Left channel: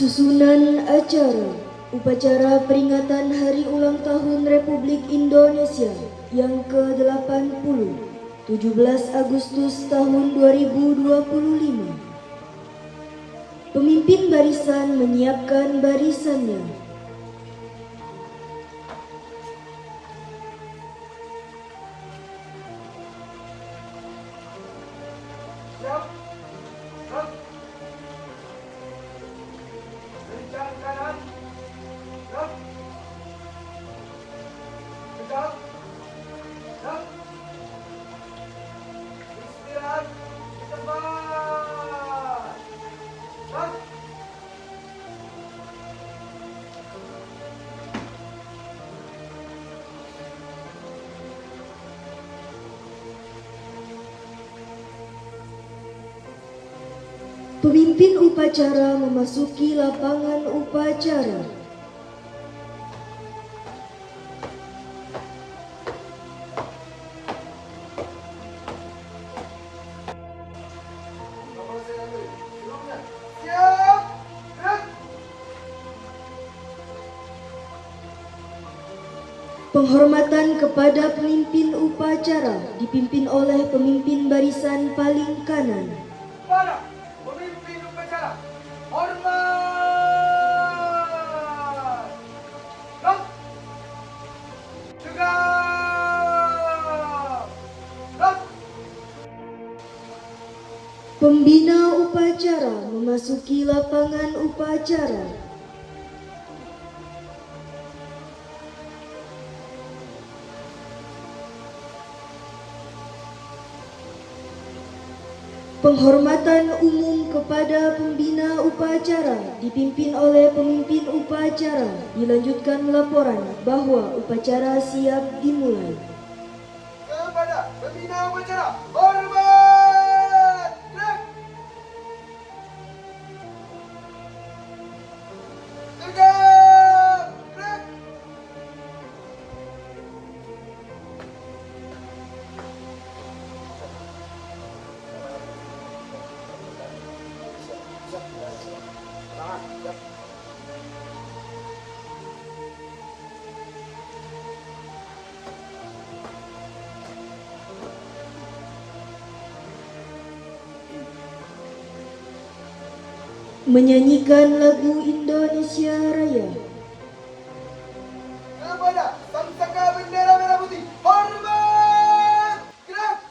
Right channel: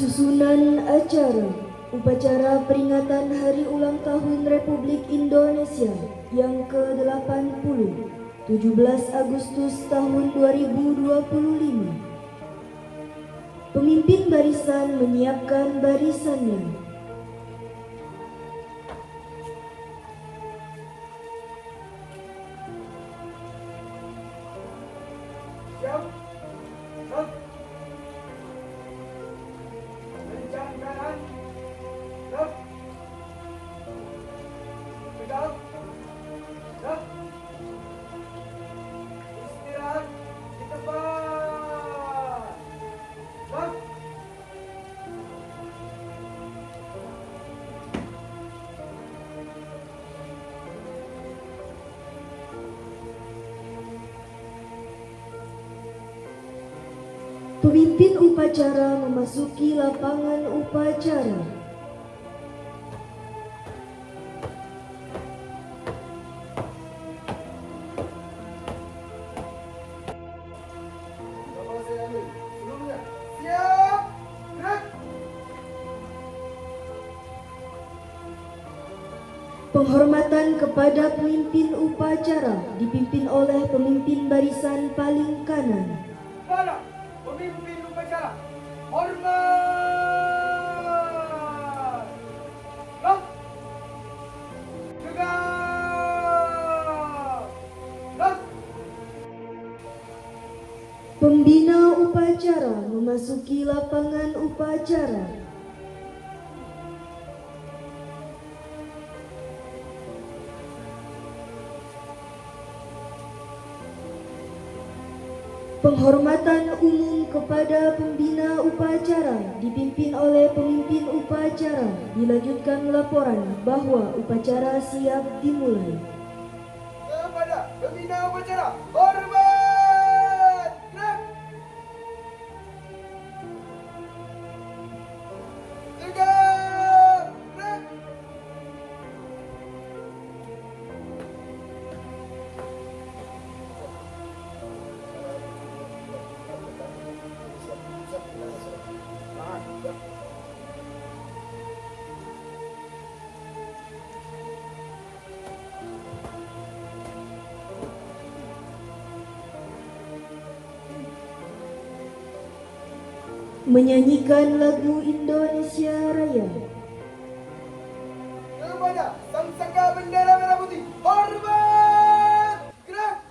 Susunan acara upacara peringatan Hari Ulang Tahun Republik Indonesia yang ke-80, 17 Agustus tahun 2025. Pemimpin barisan menyiapkan barisannya. Pemimpin upacara memasuki lapangan upacara. Penghormatan kepada pemimpin upacara dipimpin oleh pemimpin barisan paling kanan. Kepada pemimpin upacara, hormat! Gerak! Tegak! Gerak! Pembina upacara memasuki lapangan upacara. Penghormatan umum kepada pembina upacara dipimpin oleh pemimpin upacara. Dilanjutkan laporan bahwa upacara siap dimulai. Kepada pembina upacara, hormat! Gerak! Tegak! Gerak! Menyanyikan lagu Indonesia Raya. Kepada sang saka bendera merah putih, hormat! Gerak!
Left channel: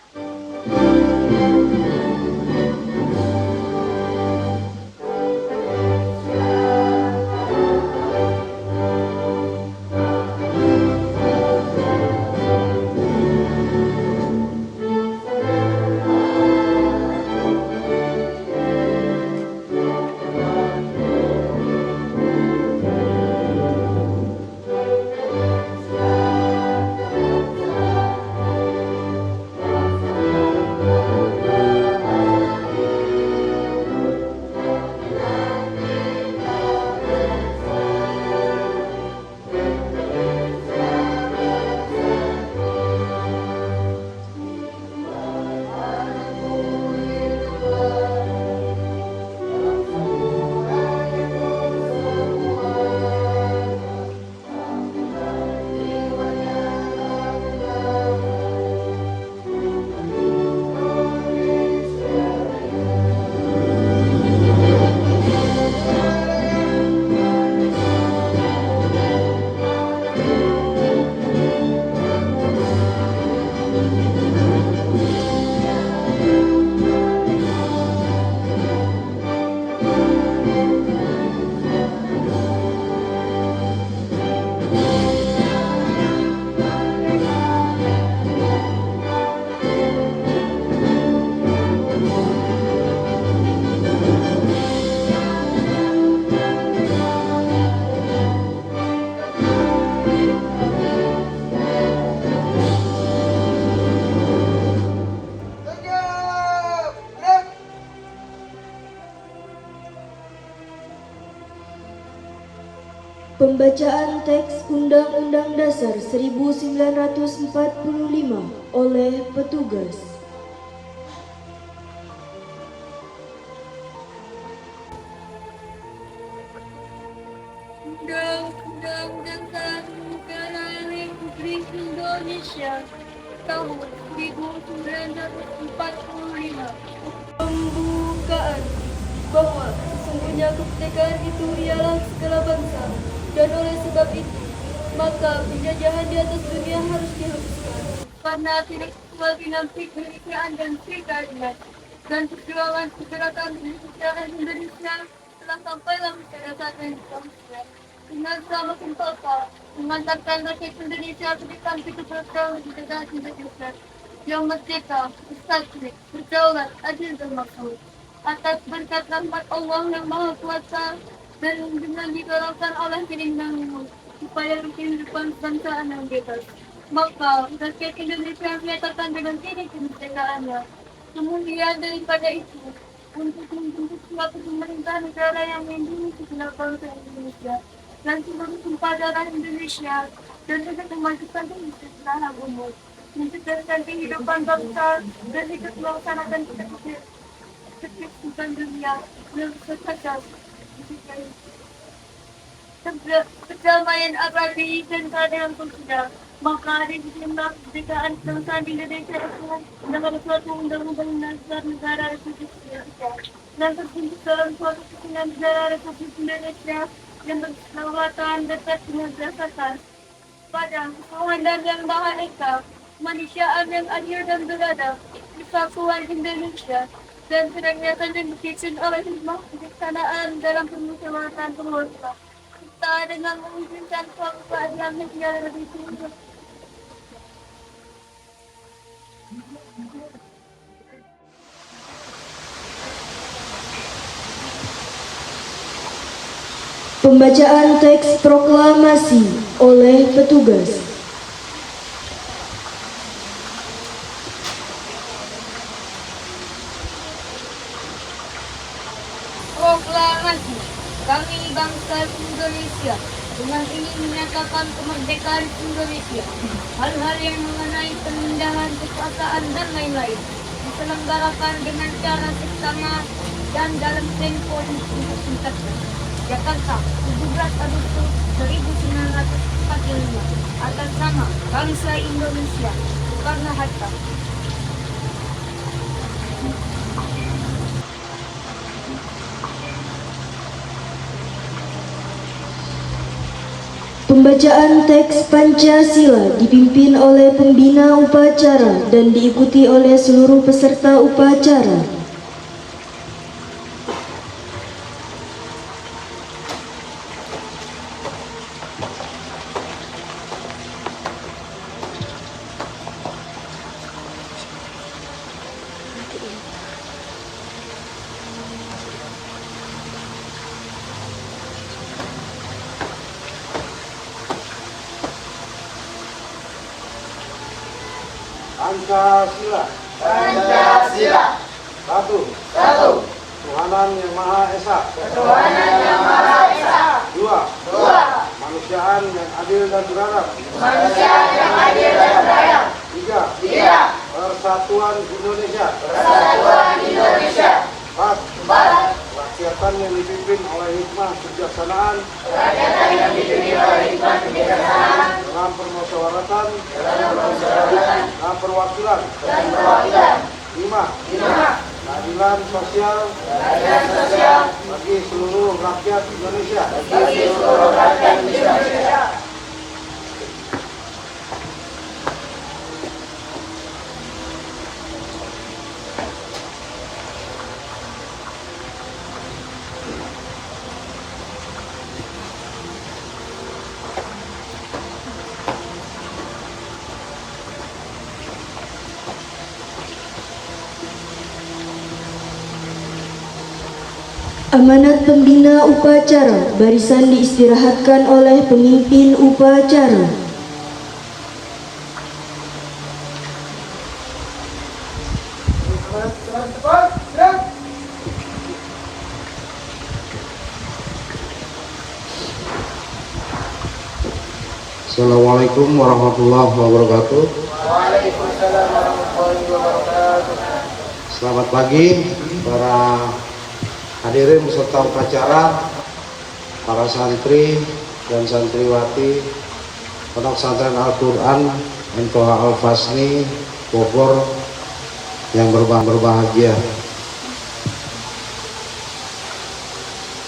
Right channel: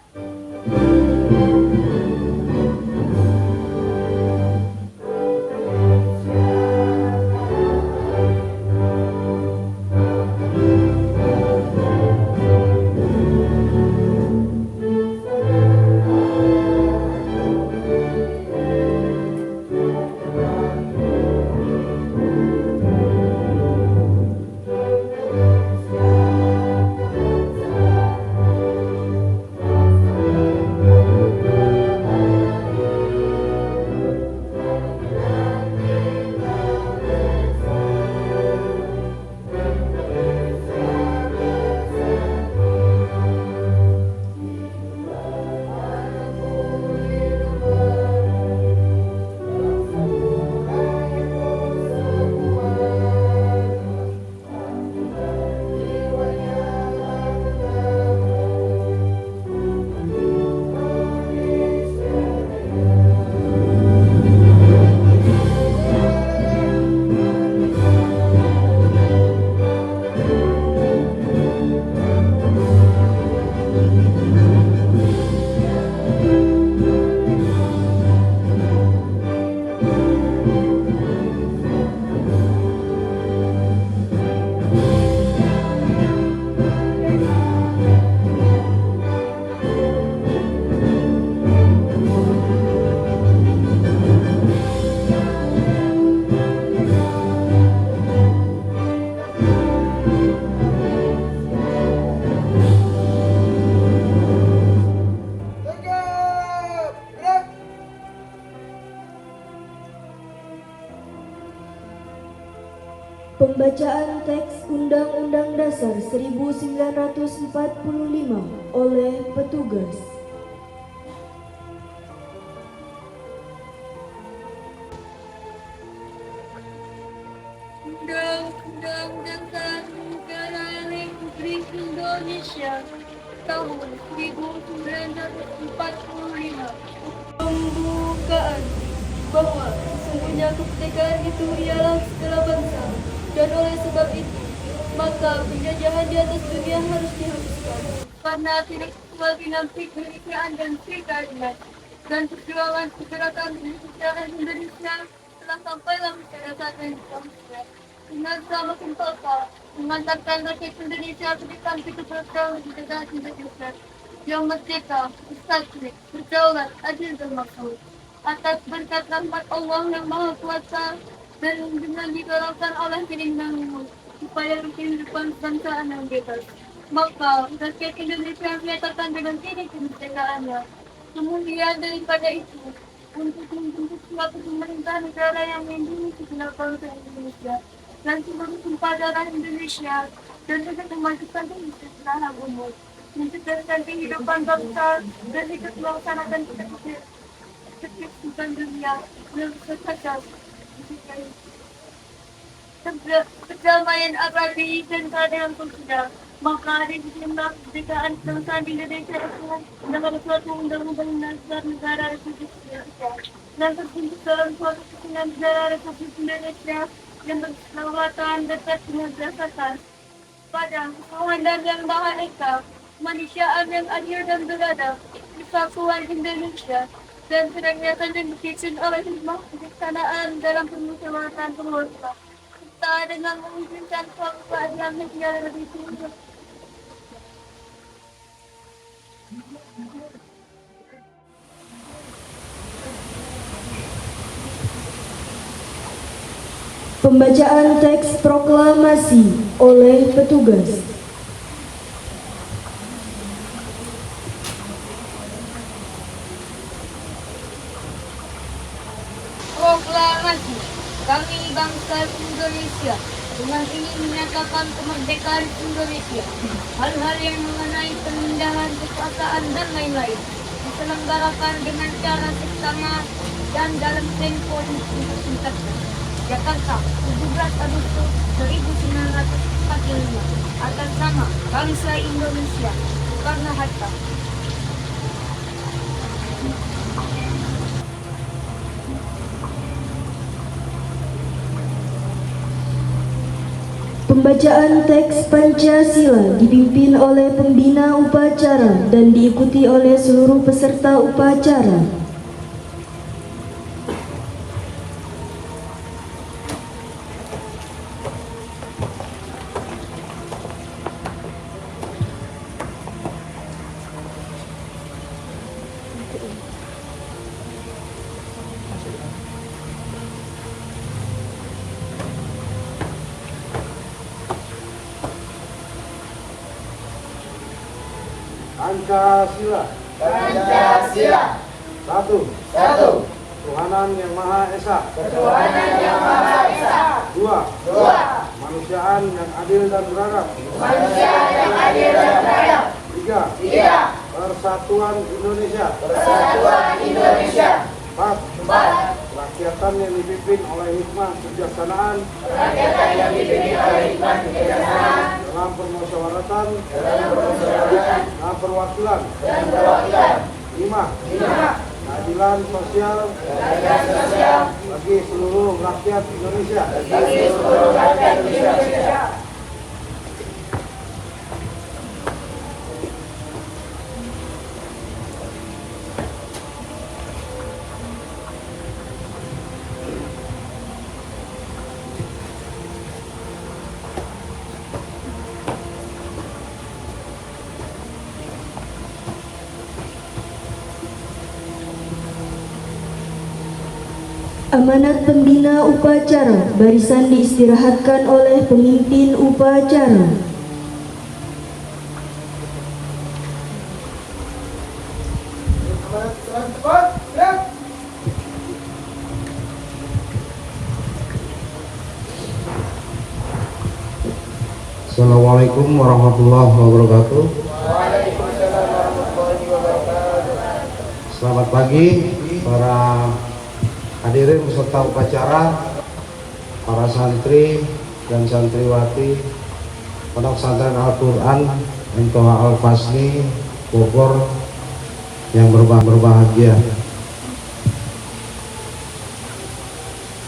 Tegak! Gerak! Pembacaan teks Undang-Undang Dasar 1945 oleh petugas. 1945. Pembukaan bahwa sesungguhnya kemerdekaan itu ialah segala bangsa, dan oleh sebab itu maka penjajahan di atas dunia harus dihapuskan. Karena tidak sesuai dengan kemerdekaan dan keadilan dan perjuangan pergerakan kesejahteraan Indonesia telah sampailah pada saat yang seterusnya. Dengan sama sumpah mengantarkan rakyat Indonesia ke depan kebersamaan di negara Indonesia yang merdeka, bersatu, berdaulat, adil dan makmur. Atas berkat rahmat Allah yang Maha Kuasa dan dengan didorongkan oleh keinginanmu supaya kehidupan bangsa yang bebas. Maka rakyat Indonesia menyatakan dengan diri kemerdekaannya. Kemudian daripada itu, untuk membentuk suatu pemerintah negara yang melindungi segenap bangsa Indonesia dan seluruh tumpah darah Indonesia dan juga memajukan kesejahteraan umum, mencerdaskan kehidupan bangsa dan ikut melaksanakan kehidupan dunia yang berkaitan perdamaian abadi dan keadilan sosial. Maka di sejumlah kemerdekaan bangsa di Indonesia dengan suatu undang-undang dasar negara Republik Indonesia dan terbentuk dalam suatu kesatuan negara Republik Indonesia yang berkedaulatan dekat dengan berdasarkan pada ketuhanan dan yang Maha Esa, kemanusiaan yang adil dan beradab, persatuan Indonesia, dan senantiasa dipimpin oleh hikmah kebijaksanaan dalam permusyawaratan penguasa, serta dengan mewujudkan suatu keadilan sosial yang lebih tinggi. Pembacaan teks proklamasi oleh petugas. Proklamasi. Kami bangsa Indonesia dengan ingin menyatakan kemerdekaan Indonesia. Hal-hal yang mengenai pemindahan kekuasaan dan lain-lain diselenggarakan dengan cara seksama dan dalam tempo yang singkat. Jakarta, 17 Agustus 1945. Atas nama bangsa Indonesia, Soekarno-Hatta. Pembacaan teks Pancasila dipimpin oleh pembina upacara dan diikuti oleh seluruh peserta upacara. Pancasila. Pancasila. Satu. Satu. Ketuhanan yang Maha Esa. Ketuhanan yang Maha Esa. Dua. Dua. Kemanusiaan yang adil dan beradab. Kemanusiaan yang adil dan beradab. Tiga. Tiga. Persatuan Indonesia. Persatuan Indonesia. Empat. Empat. Kerakyatan yang dipimpin oleh hikmah kebijaksanaan Kerakyatan yang dipimpin oleh hikmah kebijaksanaan dalam permusyawaratan dan perwakilan. dan perwakilan. Lima. Lima. Keadilan sosial Keadilan sosial bagi seluruh rakyat Indonesia. bagi seluruh rakyat Indonesia. Amanat pembina upacara, barisan diistirahatkan oleh pemimpin upacara. Cepat, gerak. Assalamualaikum warahmatullahi wabarakatuh. Waalaikumsalam warahmatullahi wabarakatuh. Selamat pagi para hadirin peserta upacara, para santri dan santriwati Pondok Pesantren Al-Quran MTH Al-Fasni Bogor, yang berbahagia.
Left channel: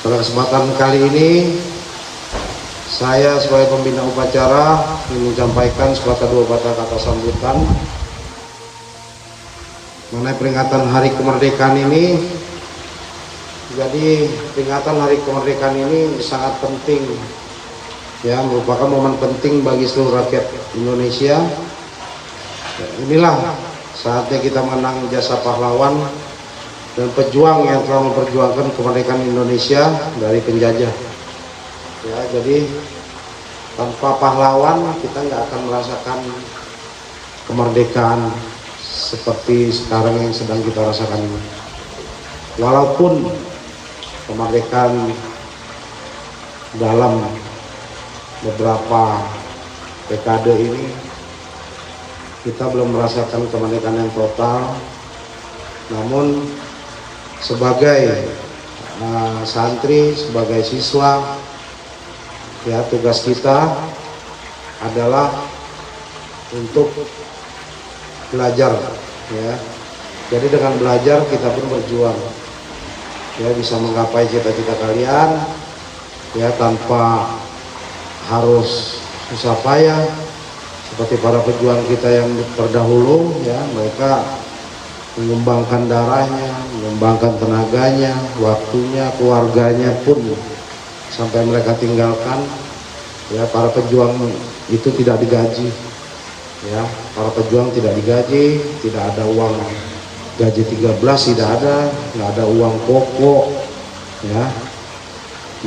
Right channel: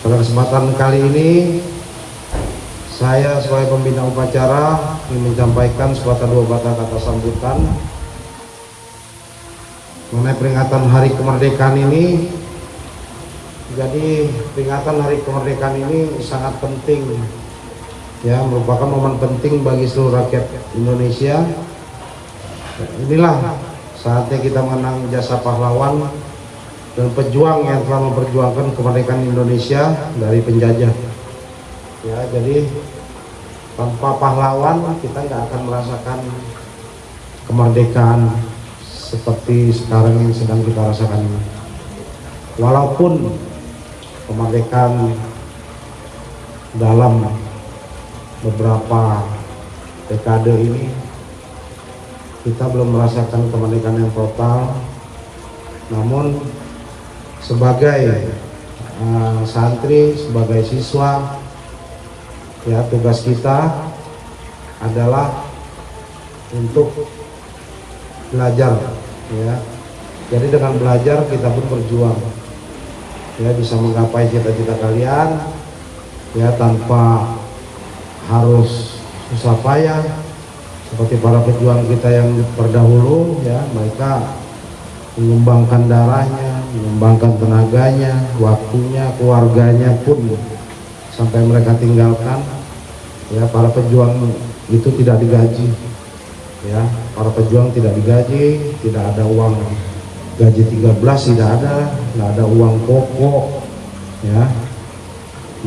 Pada kesempatan kali ini, saya sebagai pembina upacara ingin menyampaikan dua patah kata sambutan mengenai peringatan Hari Kemerdekaan ini. Jadi peringatan Hari Kemerdekaan ini sangat penting, ya, merupakan momen penting bagi seluruh rakyat Indonesia. Inilah saatnya kita mengenang jasa pahlawan dan pejuang yang telah memperjuangkan kemerdekaan Indonesia dari penjajah. Ya, jadi tanpa pahlawan kita nggak akan merasakan kemerdekaan seperti sekarang yang sedang kita rasakan ini. Walaupun kemerdekaan dalam beberapa dekade ini kita belum merasakan kemerdekaan yang total, namun sebagai santri, sebagai siswa, ya, tugas kita adalah untuk belajar, ya. Jadi dengan belajar kita pun berjuang, ya, bisa menggapai cita-cita kalian, ya, tanpa harus susah payah seperti para pejuang kita yang terdahulu, ya. Mereka mengembangkan darahnya, mengembangkan tenaganya, waktunya, keluarganya pun sampai mereka tinggalkan. Ya, para pejuang itu tidak digaji, ya, para pejuang tidak digaji, tidak ada uang gaji 13, tidak ada uang pokok, ya.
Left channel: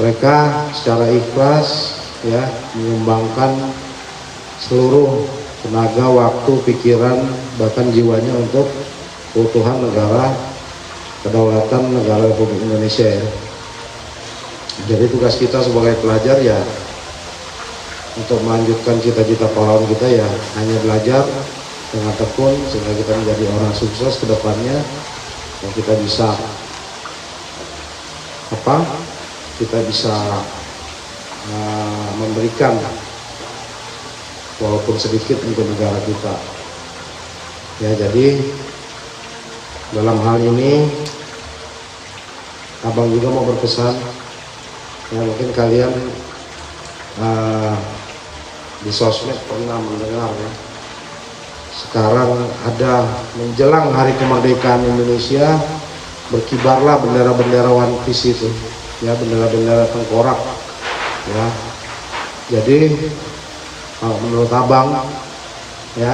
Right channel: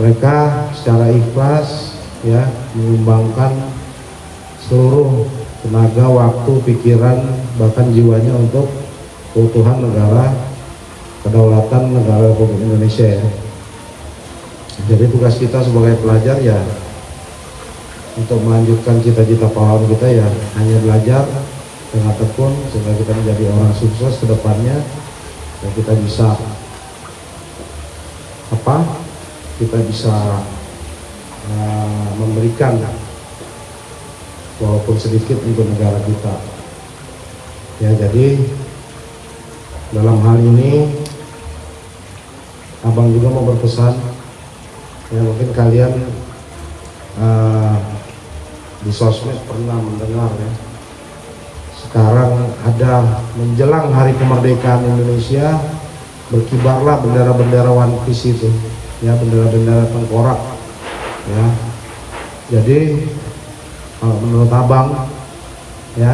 Mereka secara ikhlas, ya, mengembangkan seluruh tenaga, waktu, pikiran, bahkan jiwanya untuk keutuhan negara, kedaulatan negara Republik Indonesia, ya. Jadi tugas kita sebagai pelajar, ya, untuk melanjutkan cita-cita pahlawan kita, ya, hanya belajar dengan tekun sehingga kita menjadi orang sukses ke depannya, dan kita bisa memberikan walaupun sedikit untuk negara kita, ya. Jadi dalam hal ini abang juga mau berpesan, ya, mungkin kalian di sosmed pernah mendengar, ya, sekarang ada menjelang Hari Kemerdekaan Indonesia berkibarlah bendera-bendera One Piece itu, ya, bendera-bendera tengkorak, ya. Jadi menurut abang, ya,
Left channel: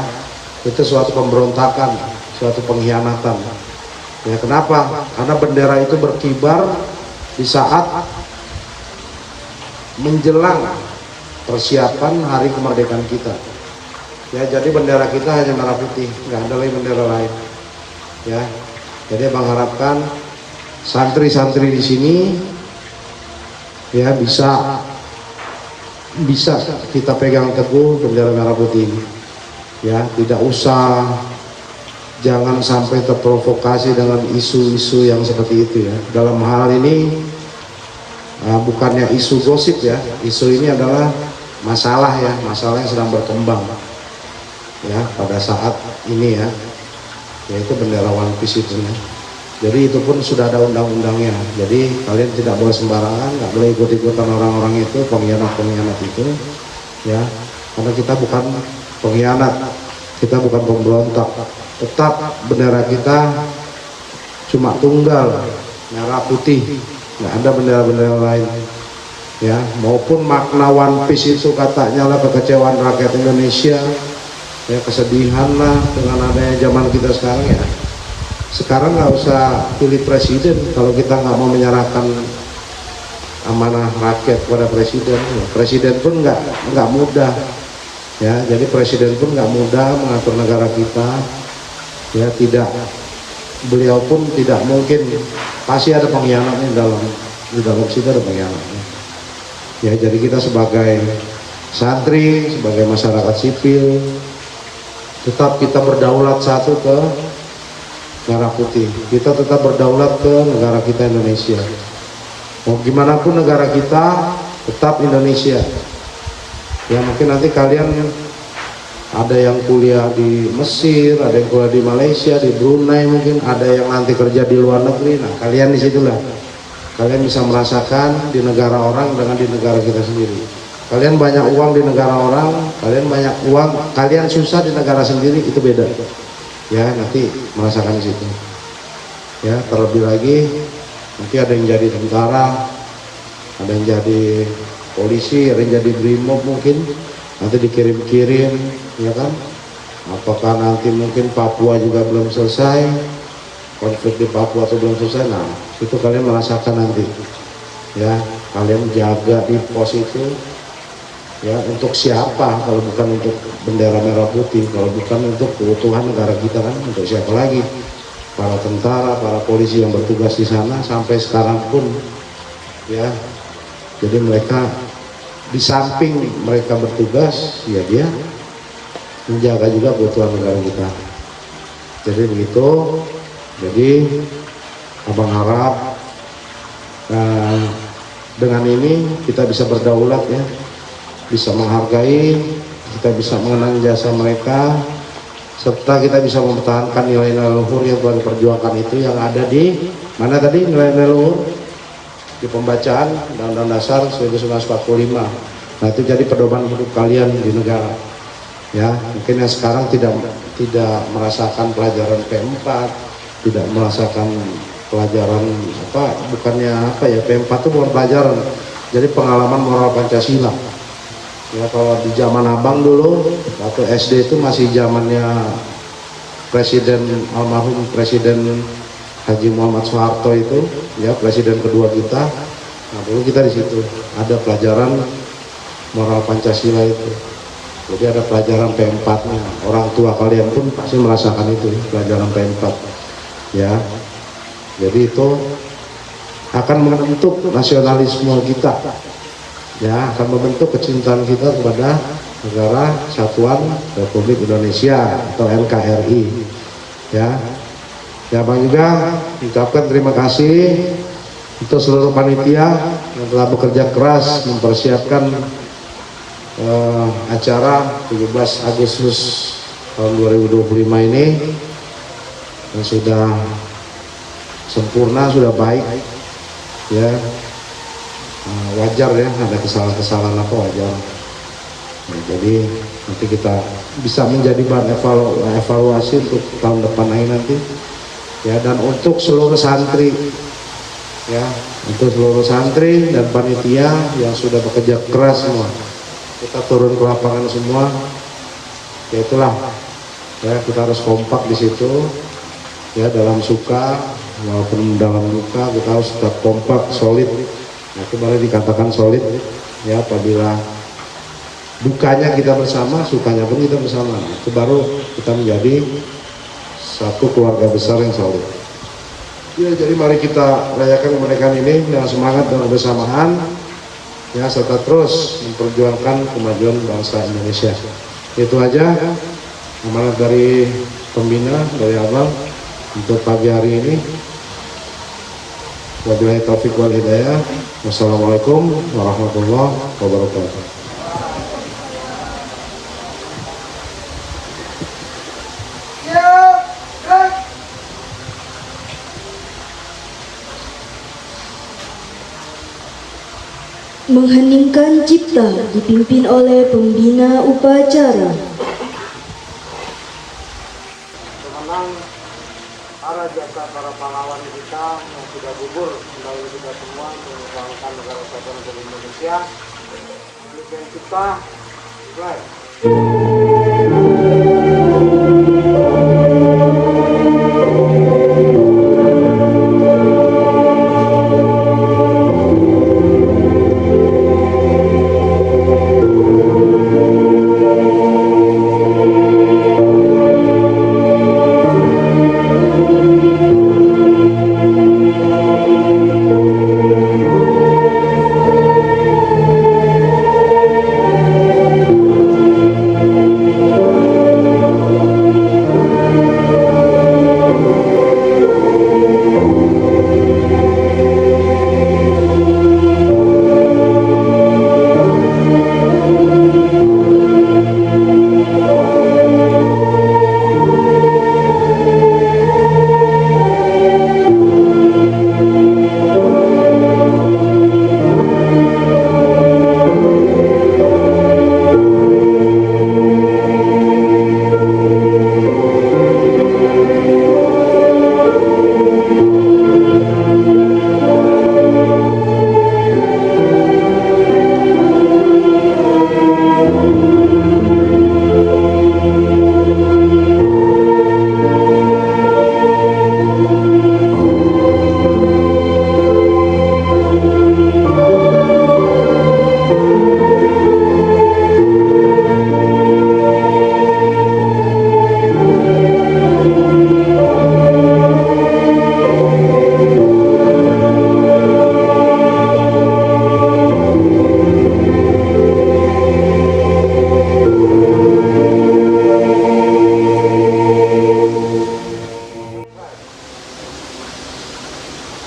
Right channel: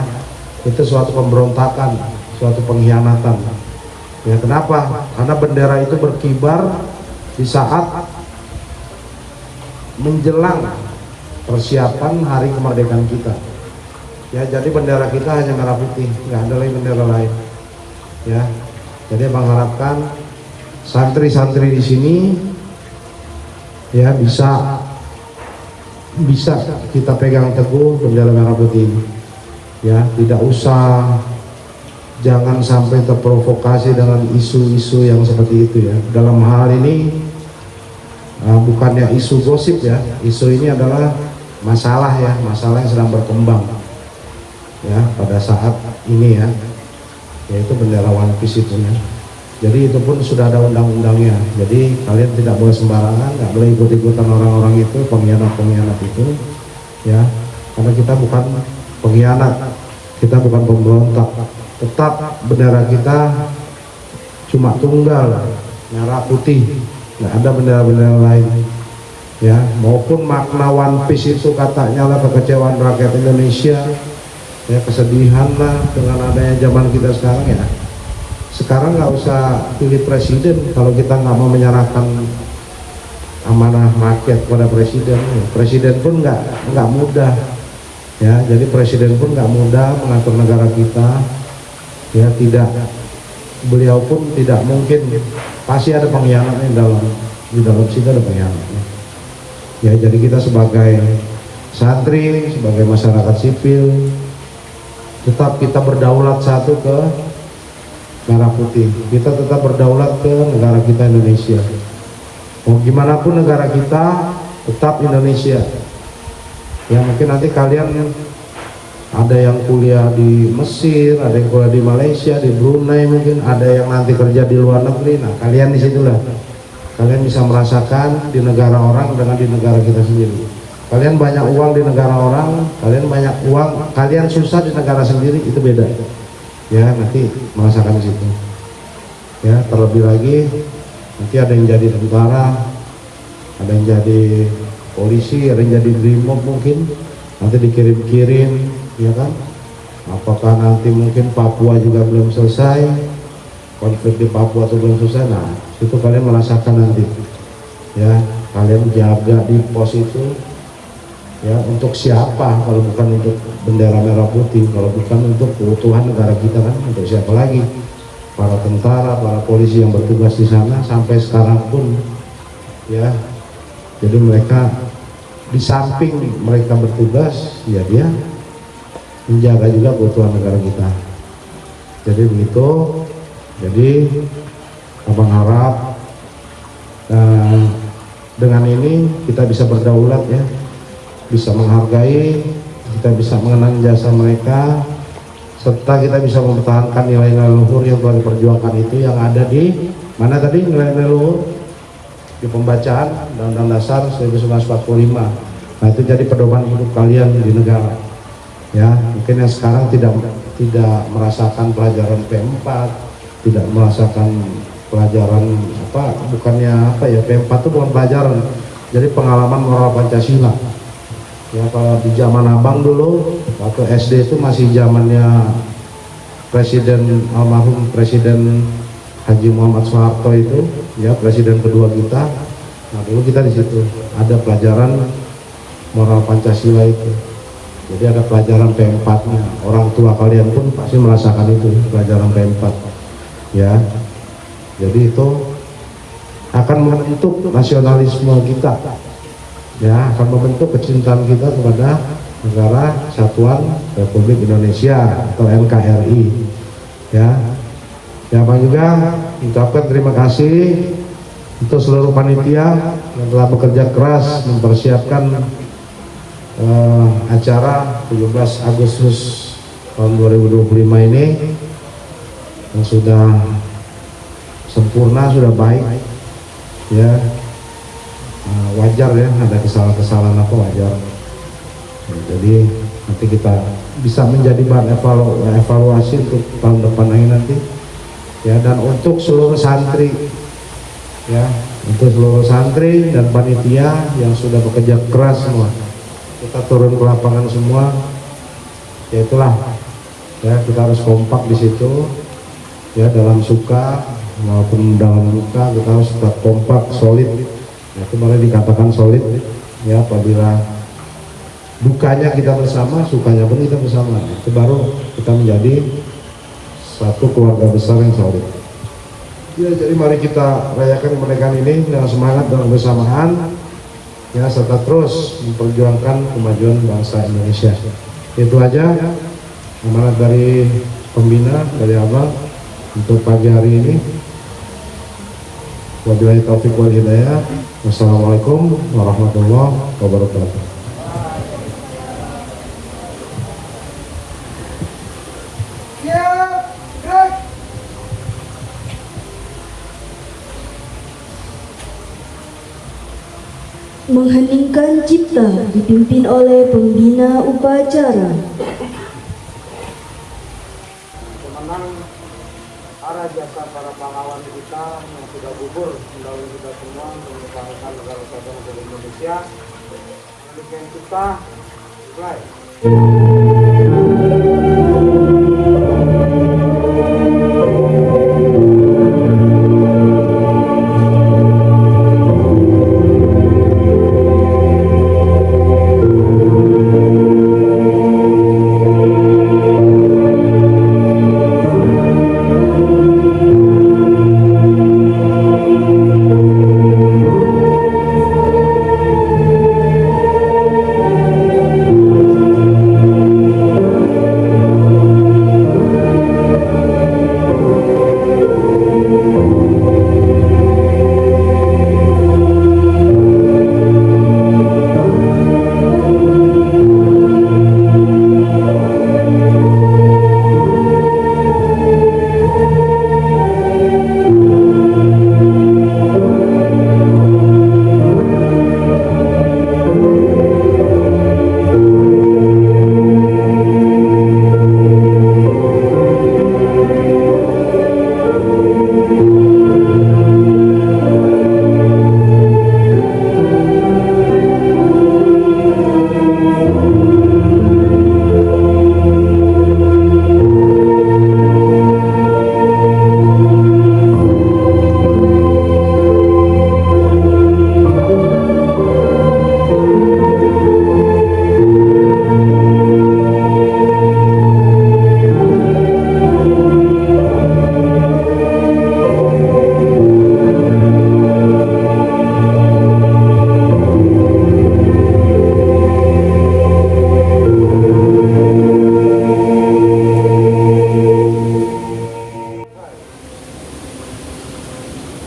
itu suatu pemberontakan, suatu pengkhianatan. Ya, kenapa? Karena bendera itu berkibar di saat menjelang persiapan Hari Kemerdekaan kita. Ya, jadi bendera kita hanya merah putih, nggak ada lagi bendera lain. Ya, jadi abang harapkan santri-santri di sini, ya, bisa kita pegang teguh bendera merah putih ini. Ya, tidak usah, jangan sampai terprovokasi dengan isu-isu yang seperti itu, ya. Dalam hal ini bukannya isu gosip, ya, isu ini adalah masalah, ya, masalah yang sedang berkembang, ya, pada saat ini, ya, yaitu bendera One Piece itu, ya. Jadi itu pun sudah ada undang-undangnya, jadi kalian tidak boleh sembarangan, nggak boleh ikut-ikutan orang-orang itu, pengkhianat itu, ya, karena kita bukan pengkhianat, kita bukan pemberontak. Tetap bendera kita cuma tunggal, merah putih, nggak ada bendera-bendera lain, ya. Maupun makna One Piece itu katanya lah kekecewaan rakyat Indonesia, ya, kesedihan lah dengan adanya zaman kita sekarang, ya. Sekarang nggak usah pilih presiden kalau kita nggak mau menyerahkan amanah rakyat kepada presiden. Presiden pun nggak mudah, ya. Jadi presiden pun nggak mudah mengatur negara kita. Ya, beliau pun tidak mungkin, pasti ada pengkhianatnya di dalam situ, ada pengkhianatnya, ya. Jadi kita sebagai santri, sebagai masyarakat sipil, tetap kita berdaulat satu ke merah putih, kita tetap berdaulat ke negara kita Indonesia. Mau gimana pun negara kita tetap Indonesia, ya. Mungkin nanti kalian ada yang kuliah di Mesir, ada yang kuliah di Malaysia, di Brunei mungkin, ada yang nanti kerja di luar negeri. Nah, kalian disitulah kalian bisa merasakan di negara orang dengan di negara kita sendiri. Kalian banyak uang di negara orang, kalian banyak uang, kalian susah di negara sendiri, itu beda. Ya, nanti merasakan di situ. Ya, terlebih lagi nanti ada yang jadi tentara, ada yang jadi polisi, ada yang jadi brimob mungkin, nanti dikirim-kirim, ya kan? Apakah nanti mungkin Papua juga belum selesai, konflik di Papua itu belum selesai, nah itu kalian merasakan nanti. Ya, kalian jaga di pos itu, ya untuk siapa kalau bukan untuk bendera merah putih, kalau bukan untuk keutuhan negara kita kan, untuk siapa lagi? Para tentara, para polisi yang bertugas di sana sampai sekarang pun, ya. Jadi mereka di samping mereka bertugas, ya dia menjaga juga keutuhan negara kita. Jadi begitu. Jadi abang harap dengan ini kita bisa berdaulat, ya, bisa menghargai, kita bisa mengenang jasa mereka, serta kita bisa mempertahankan nilai-nilai luhur yang telah diperjuangkan itu yang ada di mana tadi nilai-nilai luhur di pembacaan Undang-Undang Dasar 1945. Nah, itu jadi pedoman hidup kalian di negara. Ya, mungkin yang sekarang tidak merasakan pelajaran P4, tidak merasakan pelajaran P4 itu bukan pelajaran, jadi pengalaman moral Pancasila. Ya, kalau di zaman abang dulu waktu SD itu masih zamannya almarhum Presiden Haji Muhammad Soeharto itu, ya, presiden kedua kita. Nah, dulu kita di situ ada pelajaran moral Pancasila itu. Jadi ada pelajaran P4-nya. Orang tua kalian pun pasti merasakan itu, pelajaran P4. Ya. Jadi itu akan membentuk nasionalisme kita. Ya, akan membentuk kecintaan kita kepada Negara Kesatuan Republik Indonesia atau NKRI. Ya. Ya, Bang juga ucapkan terima kasih untuk seluruh panitia yang telah bekerja keras mempersiapkan acara 17 Agustus tahun 2025 ini, yang sudah sempurna, sudah baik, ya. Wajar ya, ada kesalahan-kesalahan apa wajar. Nah, jadi nanti kita bisa menjadi bahan evaluasi untuk tahun depan nanti, ya. Dan untuk seluruh santri, ya, untuk seluruh santri dan panitia yang sudah bekerja keras semua, kita turun ke lapangan semua, ya itulah, ya, kita harus kompak di situ, ya, dalam suka maupun dalam duka kita harus tetap kompak, solid. Nah, itu baru dikatakan solid, ya. Apabila dukanya kita bersama, sukanya pun kita bersama, itu baru kita menjadi satu keluarga besar yang solid. Ya, jadi mari kita rayakan kemerdekaan ini dengan semangat dan bersamaan, ya, serta terus memperjuangkan kemajuan bangsa Indonesia. Itu aja amanat dari pembina, dari Abang untuk pagi hari ini. Wabillahi taufiq wal hidayah. Wassalamualaikum warahmatullahi wabarakatuh. Siap, gerak. Mengheningkan cipta dipimpin oleh pembina upacara. Mengenang para jasa para pahlawan kita yang sudah gugur melalui kita semua mengusahakan negara kesatuan Republik Indonesia. Demikian kita mulai.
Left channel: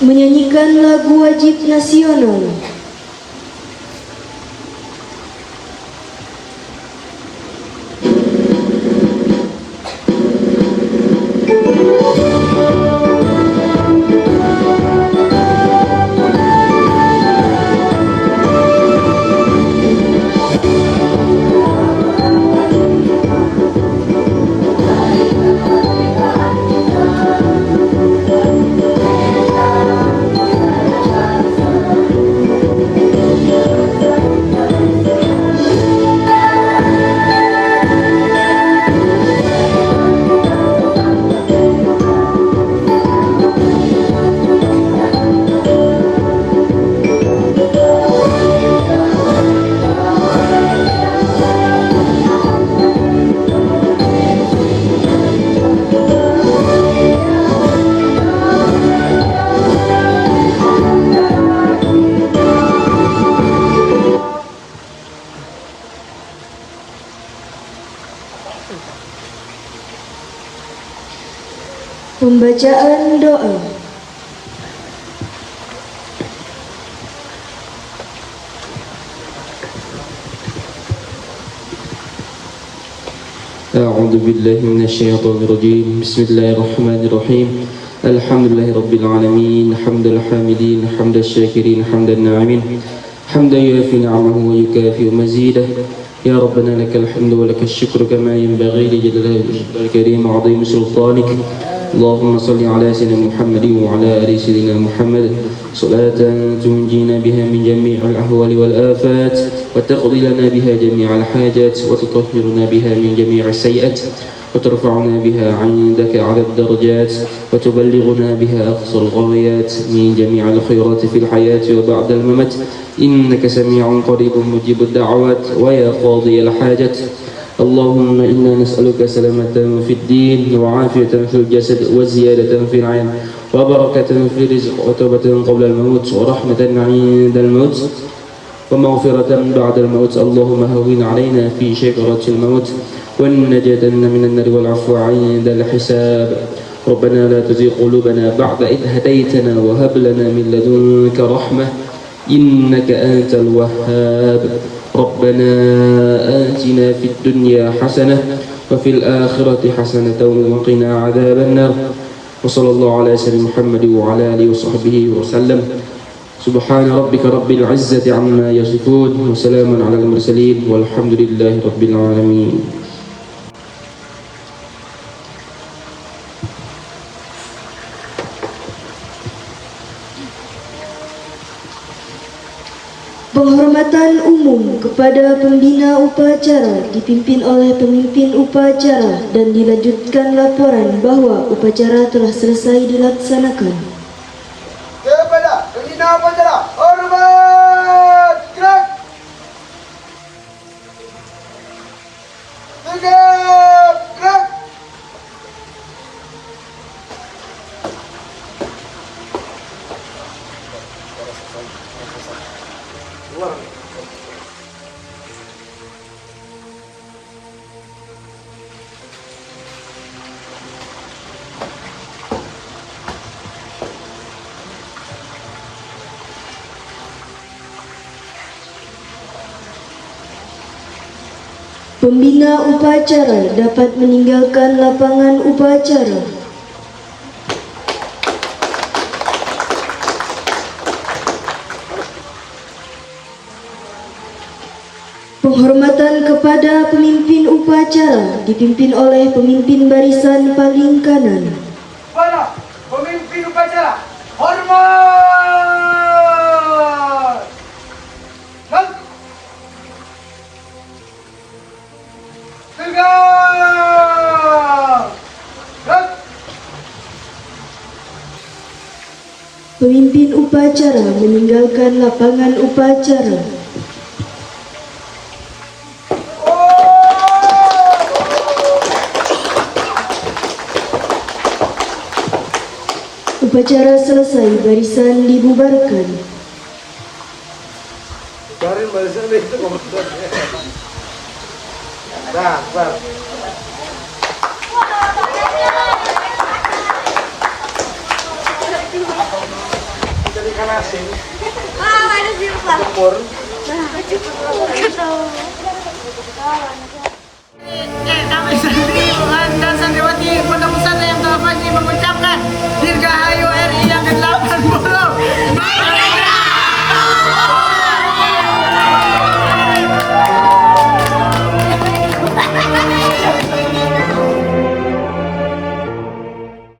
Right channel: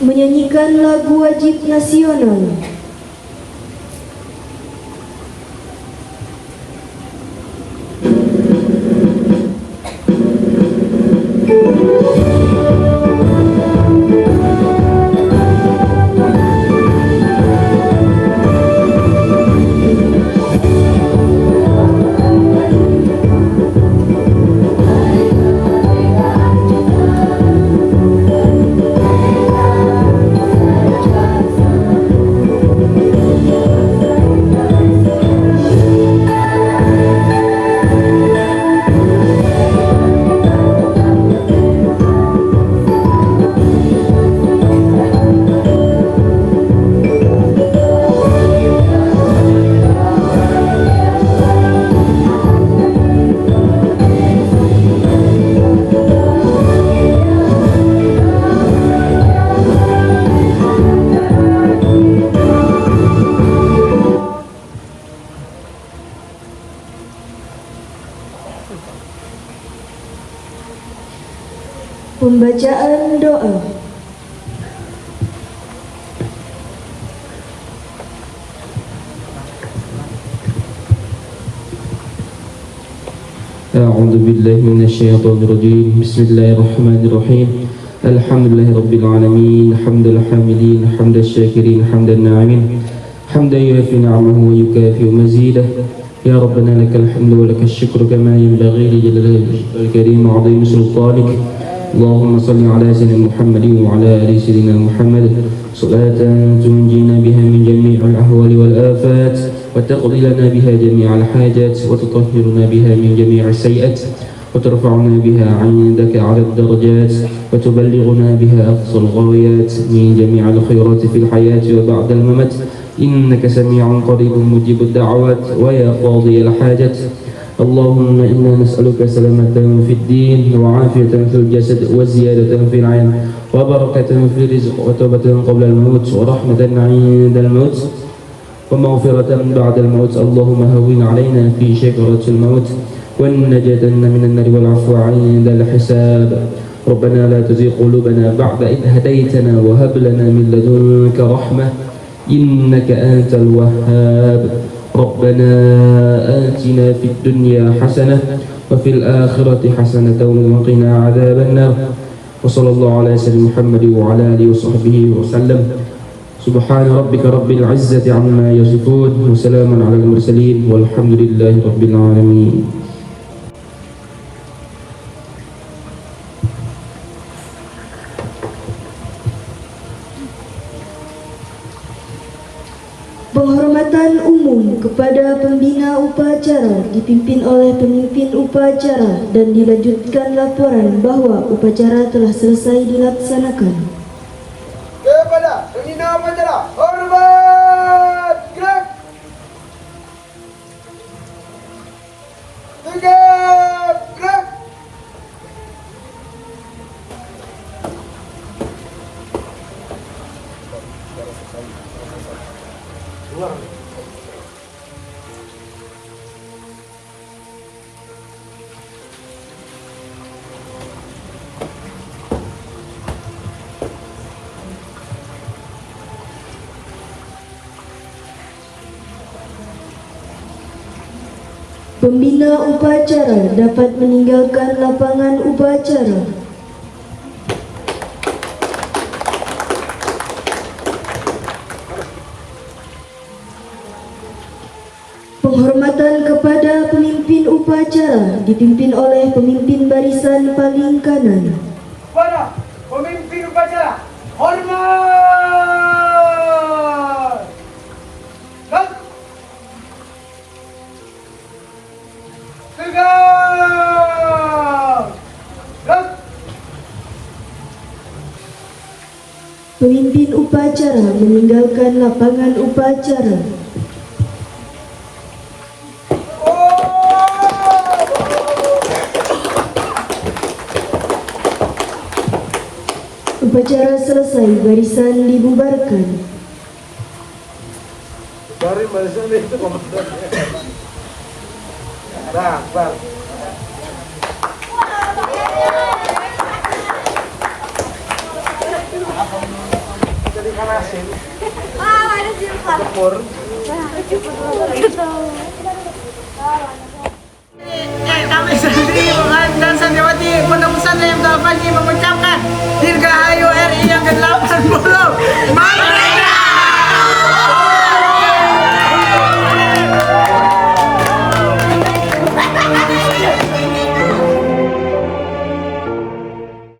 menyanyikan lagu wajib nasional. Pembacaan doa. أعوذ بالله من الشيطان الرجيم. بسم الله الرحمن الرحيم. الحمد لله رب العالمين، حمد الحامدين، حمد الشاكرين، حمد الناعمين، حمدا يوافي نعمه ويكافئ مزيده. يا ربنا لك الحمد ولك الشكر كما ينبغي لجلال وجهك الكريم وعظيم سلطانك. اللهم صل على سيدنا محمد وعلى آل سيدنا محمد صلاة تنجينا بها من جميع الأهوال والآفات، وتقضي لنا بها جميع الحاجات، وتطهرنا بها من جميع السيئات، وترفعنا بها عندك على الدرجات، وتبلغنا بها أقصى الغايات من جميع الخيرات في الحياة وبعد الممات. إنك سميع قريب مجيب الدعوات ويا قاضي الحاجات. اللهم إنا نسألك سلامة في الدين وعافية في الجسد وزيادة في العلم وبركة في الرزق وتوبة قبل الموت ورحمة عند الموت ومغفرة بعد الموت. اللهم هون علينا في شكرة الموت والنجاة من النار والعفو عند الحساب. ربنا لا تزغ قلوبنا بعد إذ هديتنا وهب لنا من لدنك رحمة إنك أنت الوهاب. ربنا آتنا في الدنيا حسنة وفي الآخرة حسنة وقنا عذاب النار. وصلى الله على سيدنا محمد وعلى آله وصحبه وسلم. سبحان ربك رب العزة عما يصفون وسلام على المرسلين والحمد لله رب العالمين. Penghormatan umum kepada pembina upacara dipimpin oleh pemimpin upacara dan dilanjutkan laporan bahwa upacara telah selesai dilaksanakan. Kepada pembina upacara, hormat, gerak. Tegap, gerak. Pembina upacara dapat meninggalkan lapangan upacara. Penghormatan kepada pemimpin upacara dipimpin oleh pemimpin barisan paling kanan. Kepada pemimpin upacara, hormat. Dan tegak. Dan Pemimpin upacara meninggalkan lapangan upacara. Upacara selesai, barisan dibubarkan. Kami santri dan santriwati Pondok Pesantren yang telah pagi mengucapkan Dirgahayu RI yang ke-80